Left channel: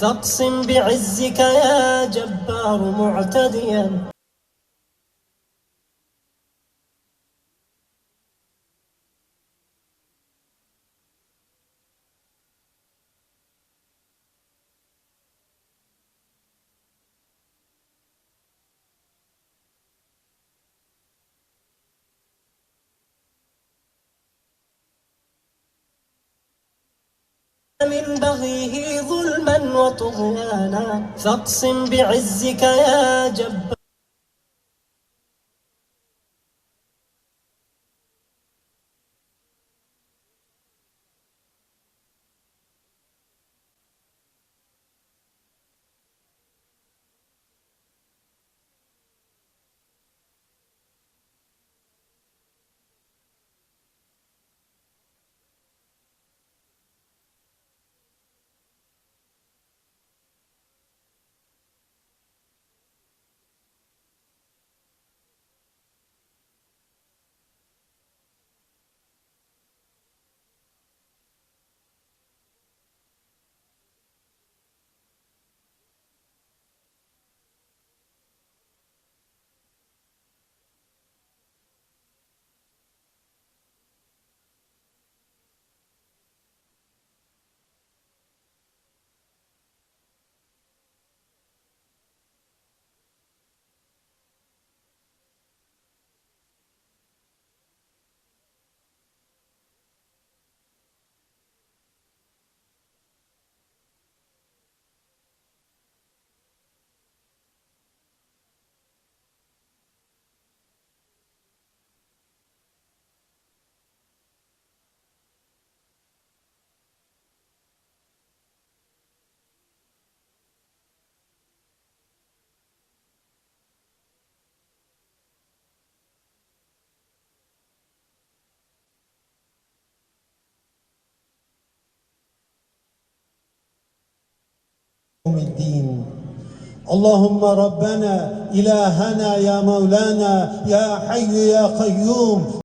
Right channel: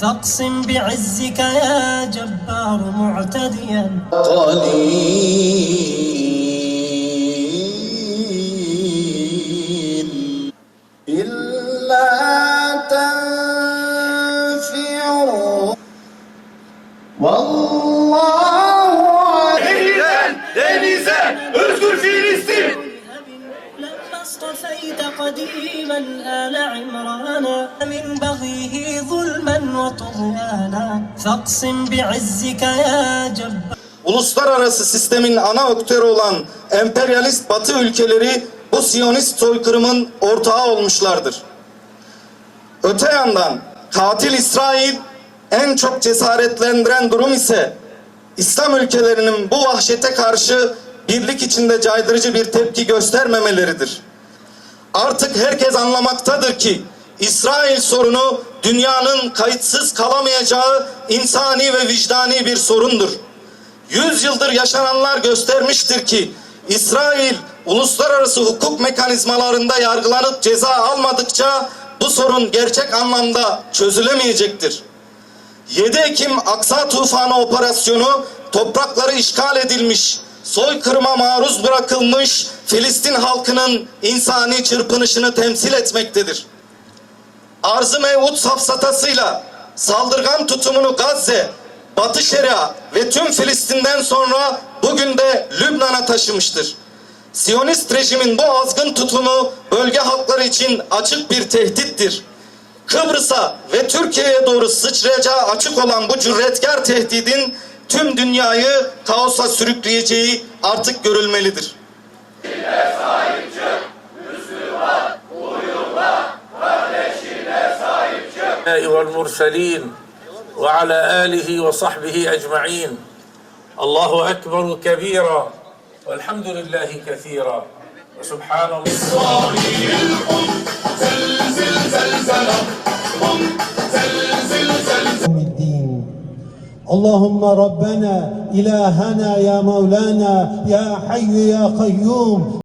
فاقسم بعزك يا جبار معتديا. قليل إلا تنفروا والله قديما آل عمرانا من بغيه ظلما وطغيانا فاقسم بعزك يا جبار Uluslararası sistemin ana aktörü olan emperyalist Batı ülkeleri bu Siyonist soykırımın ortağı olmuşlardır. Öte yandan katil İsrail en çok cesaretlendiren durum ise İslam ülkelerinin bu vahşete karşı birlik içinde caydırıcı bir tepki göstermemeleridir. Artık herkes anlamaktadır ki İsrail sorunu dünyanın kayıtsız kalamayacağı insani ve vicdani bir sorundur. Yüz yaşananlar göstermiştir ki İsrail uluslararası hukuk mekanizmalarında yargılanıp ceza almadıkça bu sorun gerçek anlamda çözülemeyecektir. 7 Ekim Aksa Tufanı operasyonu toprakları işgal edilmiş, soykırıma maruz bırakılmış Filistin halkının insani çırpınışını temsil etmektedir. Arz-ı mevut safsatasıyla saldırgan tutumunu Gazze, Batı Şeria ve tüm Filistin'den sonra bugün de Lübnan'a taşımıştır. Siyonist rejimin bu azgın tutumu bölge halkları için açık bir tehdittir. Kıbrıs'a ve Türkiye'ye doğru sıçrayacağı açık olan bu cüretkar tehdidin tüm dünyayı kaosa sürükleyeceği artık görülmelidir. والمرسلين وعلى آله وصحبه أجمعين. الله أكبر كبيرا والحمد لله كثيرا. وسبحان الله. يوم الدين اللهم ربنا إلهنا يا مولانا يا حي يا قيوم.